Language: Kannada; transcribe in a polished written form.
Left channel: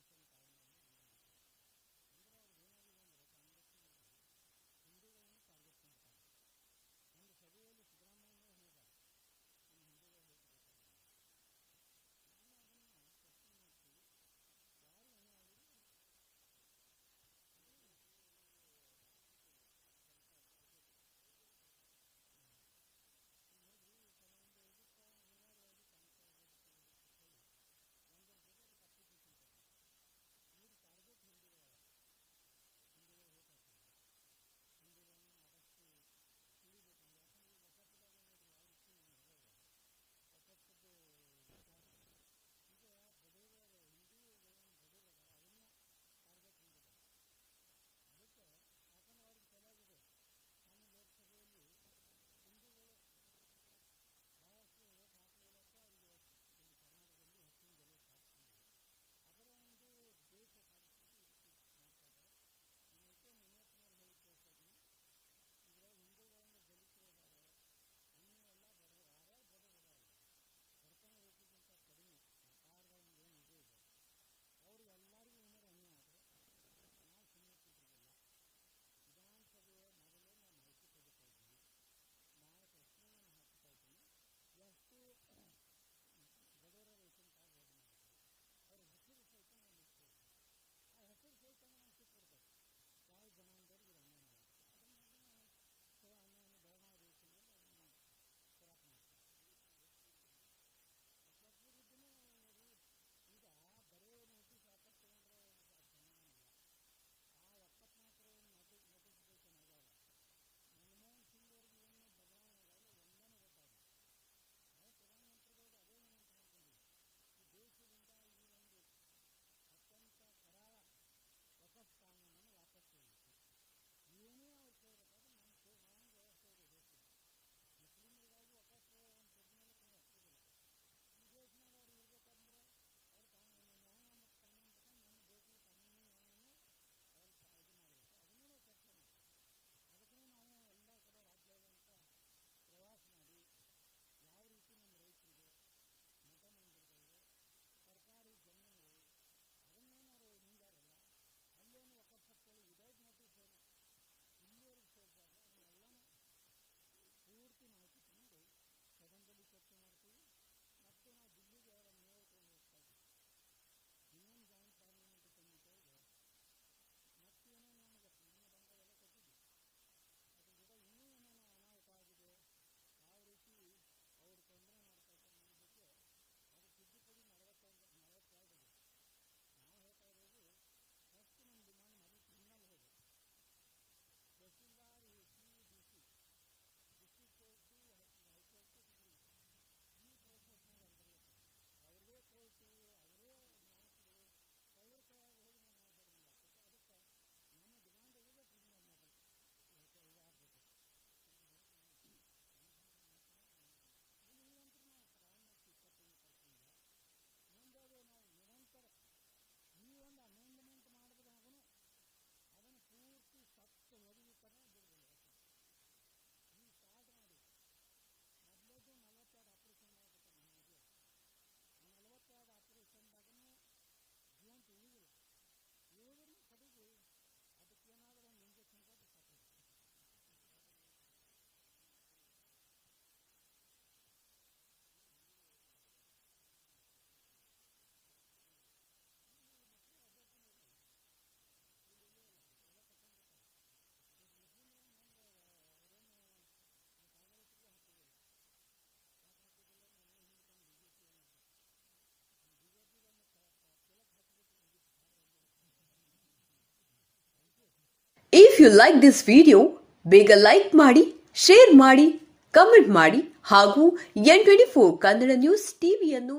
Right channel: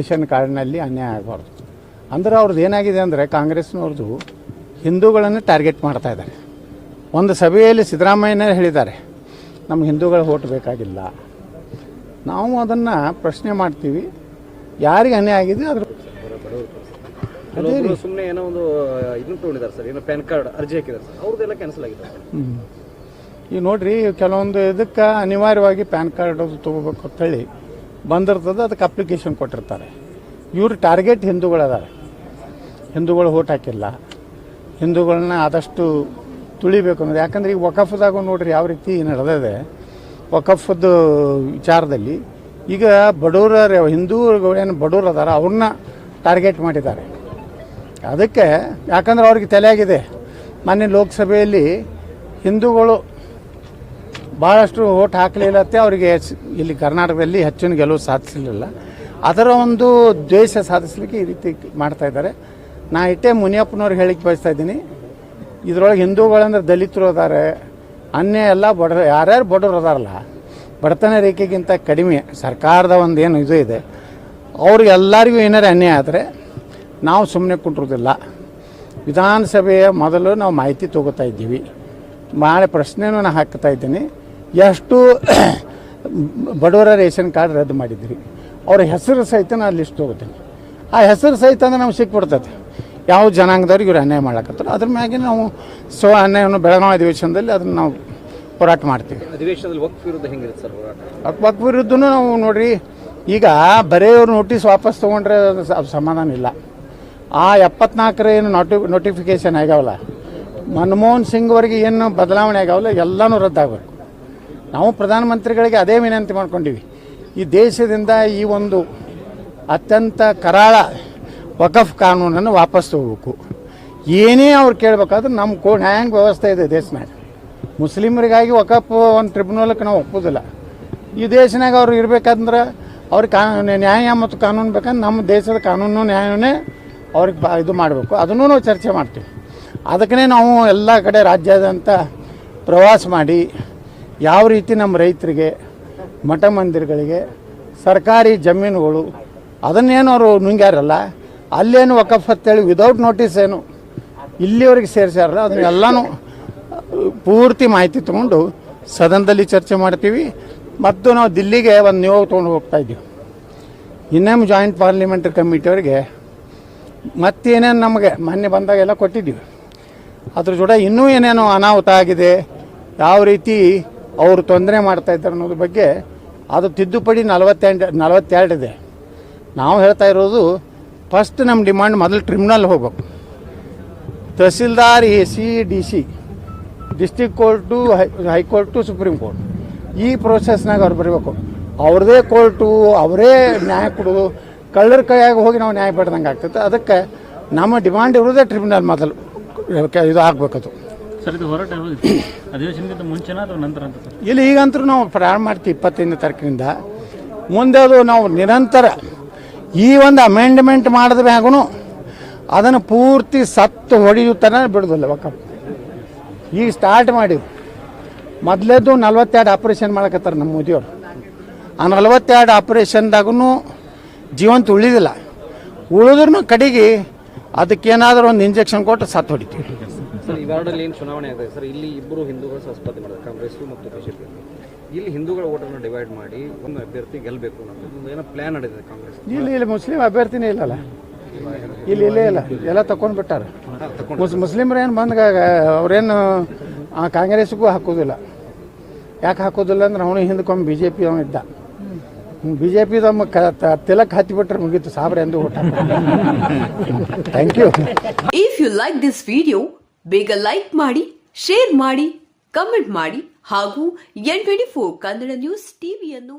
ರೇಷನ್ ಕಾರ್ಡ್ನಲ್ಲಿ ಅನ್ಯಾಯ ಆಗಬಾರ್ದು ಅಂದ್ರೆ ಅವ್ರದ್ದು ಏನಾಗಿದೆ ಅಂದರೆ ಕಾಂಗ್ರೆಸ್ನವ್ರದ್ದು ಹಿಂದೂಗಳನ್ನು ಟಾರ್ಗೆಟ್ ಮಾಡ್ತಾ ಇದ್ದಾರೆ. ಒಂದು ಸಭೆಯಲ್ಲಿ ಸಿದ್ದರಾಮಯ್ಯನೇ ಹೇಳಿದ್ದಾರೆ, ನಮ್ಗೆ ಹಿಂದೂಗಳ ಓಟ್ ಬೇಕಾಗಿಲ್ಲ. ನಾವು ಅದನ್ನು ಪ್ರಶ್ನೆ ಮಾಡ್ತೀವಿ, ಯಾರಿಗೆ ಅನ್ಯಾಯ ಆಗಿದೆ ಅದ್ರ ಸುಮ್ಮನೆ ಏನೋ ಒಂದು ಇದನ್ನು ತೊಗೊಂಡಿದ್ದಾರೆ ಸರ್, ಏನೋ ಪ್ಯಾನ್ ಕಾರ್ಡ್ ಅರ್ಜಿ ಹಾಕಿದ್ದಾರೆ ಸರ್, ಅವ್ರದ್ದೆಲ್ಲ ಕ್ಯಾನ್ಸಲ್ ಆಗಿದೆ. ಈಗ ನೋಡ್ರಿ, ಕೆಲವೊಂದು ಇದಕ್ಕೆ ಅನಿವಾರ್ಯವಾಗಿ ಪ್ಯಾನ್ ಕಾರ್ಡ್ ಅದು ತೊಗೋಬೇಕು ಅಂತೇಳಿ ಬಂದಿರ್ತದೆ, ಅದಕ್ಕೆ ಅಪ್ಲಿಕೇಶನ್ ಕೊಟ್ಟಿರ್ತಾರೆ. ಇವರು ಟಾರ್ಗೆಟ್ ಹಿಂದೂಗಳದಾರೆ, ಹಿಂದೂಗಳು ಓಟ್ ಹಾಕಿಲ್ಲ, ಹಿಂದೂಗಳನ್ನ ಆದಷ್ಟು ತುಳಿಬೇಕು ಅನ್ನೋದು. ಯಾಕಂದ್ರೆ ಈಗ ವಕಫ್ದಾಗ ನೋಡ್ರಿ ಯಾವ ರೀತಿ ನಡೆದಿದೆ. ವಕಫ್ದು ವಿಚಾರದಲ್ಲಿ ಈಗ ಬಡವರ ಹಿಂದೂಗಳು ಏನು ಬಡವರು ಅದಾರ ಅವ್ರನ್ನ ಟಾರ್ಗೆಟ್ ಮಾಡಿದ್ದಾರೆ. ಅದಕ್ಕೆ ಯಾಕಂದ್ರೆ ಅವ್ರಿಗೆ ತಲೆಯಾಗಿದೆ, ಮೊನ್ನೆ ಲೋಕಸಭೆಯಲ್ಲಿ ಹಿಂದೂಗಳು ಭಾಳಷ್ಟು ಓಟ್ ಹಾಕಲಿಲ್ಲತ್ತೆ, ಅವರಿಗೆ ಇಲ್ಲಿ ಕರ್ನಾಟಕದಲ್ಲಿ ಹೆಚ್ಚಿನ ಗೆಲುವು ಸಾಧಿಸಲಿಲ್ಲ. ಅದರ ಒಂದು ದ್ವೇಷ ಸಾಧಿಸಲಿಕ್ಕೆ ಈ ರೀತಿ ಮಾಡ್ತಾ ಇದ್ದಾರೆ. ನಾ ಇಟ್ಟೆ ಮುನಿಯಪ್ಪನವ್ರಿಗೆ ಹೇಳಿಕ್ಕೆ ಬಯಸ್ತಾ ಇದ್ದೀನಿ, ಇದರೊಳಗೆ ಹಿಂದೂಗಳಂದ್ರೆ ದಲಿತರು ಅದಾರೆ, ಅನ್ಯ ಎಲ್ಲ ಯಾರ್ಯಾರು ಬಡವರು ಅದಾರಲ್ಲ, ಬಡತನ ರೇಖೆಗಿಂತ ಕಡಿಮೆ ಸರ್ಕಾರದ ಒಂದು ಏನು ಇದು ಇದೆ, ಅವ್ರಿಗೆಲ್ಲರಿಗೂ ಏನಾರು ಅನ್ಯಾಯ ಆದರೆ ನಾವು ಸುಮ್ಮನೆ ಕುಂಟ್ರೋದಿಲ್ಲ. ವಿಧಾನಸಭೆಯ ಮೊದಲು ನಾವು ಮಾಹಿತಿ ತೊಗೋತಾ ಇದ್ದೀವಿ, ಮಾಡಿ ಪ್ರಶ್ನೆನೂ ನಾನು ಹಾಕ್ತಾ ಇದ್ದೀನಿ. ಎಷ್ಟು ಬಡವರ ರೇಷನ್ ಕಾರ್ಡ್ ರದ್ದು ಮಾಡಿದ್ರಿ, ಅವ್ರ ಹೆಸರು ಸಹಿತ ನಾನು ಲಿಸ್ಟ್ ತೊಗೋತೀನಿ. ಆ ಹೆಸರು ಸಹಿತ ಅಂದ್ರೆ ನಮ್ಗೆ ಸಿಕ್ಬಿಡ್ತೈತೆ ಯಾವ ಜನಾಂಗದವ್ರಿಗೆ ಇವ್ರು ಅನ್ಯಾಯ ಮಾಡ್ಲಕತ್ತಾರೆ. ಅದ್ರ ಮ್ಯಾಗೆ ನಾವು ಅನ್ಯಾಯವನ್ನು ಬೆಳಗಾವಿ ಅಧಿವೇಶನದಲ್ಲಿ ಅದನ್ನು ನಾವು ಹೋರಾಟ ಮಾಡ್ತೀವಿ. ಅಧಿವೇಶನದಲ್ಲಿ ವಕ್ಫ್ ವಿರುದ್ಧ ಹೆಂಗಿರುತ್ತೆ ಸರ್ ಹೋರಾಟ? ವಕ್ಫ್ ವಿರುದ್ಧನೂ ನಾವು ನೋಡ್ರಿ, ಈಗ ಬರೆಯೋರು ನೋಟಿಸ್ ವಾಪಸ್ ತೊಗೊಂಡ್ರೆ ಸಮಾಧಾನ ಇಲ್ಲ. ಆ 74 ಏನು ನೋಟಿಫಿಕೇಶನ್ ಆಗ್ಯಾವಲ್ಲ, ಮನಮೋಹನ್ ಸಿಂಗ್ ಅವರಿಗೆ ಏನು ಬದಲಾವಣೆ ಆಗ್ಯಾವಲ್ಲ, ಎಲ್ಲನೂ ರದ್ದಾಗಬೇಕು. ನಾವು ಪ್ರಧಾನಮಂತ್ರಿಗಳಿಗೆ ಅದೇ ವಿನಂತಿ ಮಾಡ್ಕೊಂಡಿವಿ, ಈ ದೇಶದಿಂದ ಈ ಒಂದು ಅತ್ಯಂತ ಕರಾಳ ವಕಫ್ ಕಾನೂನನ್ನು ವಾಪಸ್ ತಗೋಬೇಕು. ಏನೇ ಅವ್ರು ಕೇಳಬೇಕಾದ್ರೆ ನಮ್ಮ ನ್ಯಾಯಾಂಗ ವ್ಯವಸ್ಥೆ ಇದೆ ದೇಶನಾಗ. ಮುಸ್ಲಿಮರಿಗಾಗಿ ವಕಫ್ ಒಂದು ಟ್ರಿಬ್ಯುನಲ್ಗೆ ನಾವು ಒಪ್ಪೋದಿಲ್ಲ. ಈ ದೇಶನಾಗ ಅವ್ರು ಇರಬೇಕಂದ್ರೆ ಅವ್ರಿಗೆ ನ್ಯಾಯ ಮತ್ತು ಕಾನೂನು ಬೇಕಂದ್ರೆ ನಮ್ಮ ದೇಶದ ಕಾನೂನು ನ್ಯಾಯವನ್ನೇ ಅವ್ರಿಗೆ ಇದು ಮಾಡಬೇಕು. ಅದನ್ನು ನಾವು ಚರ್ಚೆ ಮಾಡ್ತೀವಿ. ಅದಕ್ಕೇ ನಾವು ಎಲ್ಲ ಕಡೆ ರಾಜ್ಯಾದ್ಯಂತ ಪ್ರವಾಸ ಮಾಡಿ ಯಾವ ರೀತಿ ನಮ್ಮ ರೈತರಿಗೆ, ಮಠ ಮಂದಿರಗಳಿಗೆ, ಸರ್ಕಾರಿ ಜಮೀನುಗಳು ಅದನ್ನೇನು ಅವರು ನುಂಗ್ಯಾರಲ್ಲ, ಅಲ್ಲೇನು ವಕಫ್ ಅಂತೇಳಿ ವಿದೌಟ್ ನೋಟಿಸ್ ಏನು ಇಲ್ಲಿವರೆಗೆ ಸೇರಿಸ್ಯಾರಲ್ಲ, ಅದನ್ನೆಲ್ಲನೂ ಪೂರ್ತಿ ಮಾಹಿತಿ ತೊಗೊಂಡು ಸದನದಲ್ಲಿ ಚರ್ಚೆ ಮಾಡ್ತೀವಿ. ಮತ್ತು ನಾವು ದಿಲ್ಲಿಗೆ ಒಂದು ನಿಯೋಗ ತೊಗೊಂಡು ಹೋಗ್ತಾ ಇದ್ದೀವಿ. ಇನ್ನೇನು ಜಾಯಿಂಟ್ ಪಾರ್ಲಿಮೆಂಟರಿ ಕಮಿಟಿಯವರಿಗೆ ಮತ್ತೇನೇನು ನಮಗೆ ಮೊನ್ನೆ ಬಂದಾಗೆಲ್ಲ ಕೊಟ್ಟಿದ್ದೀವಿ. ಅದ್ರ ಜೊತೆ ಇನ್ನೂ ಏನೇನೋ ಅನಾಹುತ ಆಗಿದೆ, ಯಾವ ರೀತಿ ಅವರು ತೊಂದರೆ ಮಾಡ್ತಾ ಇದ್ದಾರೆ ಅನ್ನೋದ್ರ ಬಗ್ಗೆ ಅದು ತಿದ್ದುಪಡಿ 42 ಇದೆ. ನಾವು ಹೇಳ್ತಾ ಇರೋದು, ಫಸ್ಟ್ ನಮ್ಮ ಡಿಮಾಂಡ್ ಮೊದಲು ಟ್ರಿಬ್ಯುನಲ್ ಹೋಗ್ಬೇಕು. Tahsildar, AC, DC, district court, high court, supreme court, ಈ ಪ್ರೋಸೆಸ್ನಾಗ ಅವ್ರು ಬರಬೇಕು. ಅವ್ರದ್ದೇ ಕೋರ್ಟು, ಅವರೇ ನ್ಯಾಯ ಕೊಡೋದು, ಕಳ್ಳರ ಕೈಯಾಗಿ ಹೋಗಿ ನಾವು ನ್ಯಾಯ ಪಡೆದಂಗೆ ಆಗ್ತೈತೆ. ಅದಕ್ಕೆ ನಮ್ಮ ಡಿಮಾಂಡ್ ಇರೋದೇ ಟ್ರಿಬ್ಯುನಲ್ ಮೊದಲು ಇದು ಆಗಬೇಕದು. ಸರ್, ಇದು ಹೋರಾಟ ಅಧಿವೇಶನಕ್ಕಿಂತ ಮುಂಚೆನ ಅಥವಾ ನಂತರ ಅಂತ ಸರ್? ಇಲ್ಲಿ ಈಗಂತರೂ ನಾವು ಪ್ರಾರಂಭ ಮಾಡ್ತೀವಿ 25ನೇ ತಾರೀಕಿನಿಂದ. ಮುಂದೆ ಅದು ನಾವು ನಿರಂತರ ಈ ಒಂದು ಅಮೆಂಡ್ಮೆಂಟ್ ಮಾಡಿದ ಮ್ಯಾಗೂ ಅದನ್ನು ಪೂರ್ತಿ ಸತ್ತು ಹೊಡೆಯುತ್ತಾನೆ ಬಿಡೋದಿಲ್ಲ ವಕಫ್. ಈಗ ಸ್ಟಾರ್ಟ್ ಮಾಡಿವಿ. ಮೊದಲೇದು 42 ಆಪ್ರೇಷನ್ ಮಾಡಕತ್ತಾರೆ ನಮ್ಮ ಮೋದಿಯವರು. ಆ 42 ಆಪ್ರೇಷನ್ದಾಗೂ ಜೀವಂತ ಉಳಿದಿಲ್ಲ. ಉಳಿದ್ರೂ ಕಡೆಗೆ ಅದಕ್ಕೇನಾದರೂ ಒಂದು ಇಂಜೆಕ್ಷನ್ ಕೊಟ್ಟು ಸತ್ತು ಹೊಡಿತೀವಿ. ಸರ್, ಈ ವಾರ್ಡಲ್ಲಿ ಏನು ಚುನಾವಣೆ ಆಗ್ತದೆ ಸರ್, ಇಲ್ಲಿ ಇಬ್ಬರು ಹಿಂದೂಗಳು ಸ್ಪರ್ಧೆ ಮಾಡಿದ್ದಾರೆ, ಕಾಂಗ್ರೆಸ್ ಮತ್ತು ಬಿಜೆಪಿ. ಇಲ್ಲಿ ಹಿಂದೂಗಳ ಓಟನ್ನು ಡಿವೈಡ್ ಮಾಡಿ ಒಂದು ಅಭ್ಯರ್ಥಿ ಗೆಲ್ಲಬೇಕು ಅನ್ನೋದು ಏನೋ ಪ್ಲಾನ್ ನಡೆದಿದೆ ಕಾಂಗ್ರೆಸ್. ಇಲ್ಲಿ ಮುಸ್ಲಿಂ ಅಭ್ಯರ್ಥಿನೇ ಇಲ್ಲಲ್ಲ, ಇಲ್ಲಿ ಇಲ್ಲೇ ಇಲ್ಲ, ಎಲ್ಲ ತಗೊಂಡು ಬಿಟ್ಟಾರೆ. ಮುಸ್ಲಿಮ್ರು ಏನು ಬಂದಾಗ ಅವ್ರೇನು ಕಾಂಗ್ರೆಸ್ಗೂ ಹಾಕೋದಿಲ್ಲ. ಯಾಕೆ ಹಾಕೋದಿಲ್ಲ ಅಂದ್ರೆ ಅವನು ಹಿಂದಕ್ಕೊಮ್ಮೆ BJP ಅವನಿದ್ದ. BJP ತಿಲಕ್ ಹತ್ತಿಬಿಟ್ರೆ ಮುಗೀತು, ಸಾಬ್ರೆ ಎಂದು ಊಟ. Thank you. If you like this video, ಬೇಗ ಲೈಕ್ ಮಾಡಿ, ಶೇರ್ ಮಾಡಿ, ಕಮೆಂಟ್ ಮಾಡಿ ಹಾಗೂ N24 ಕನ್ನಡ ನ್ಯೂಸ್ ಟಿವಿಯನ್ನು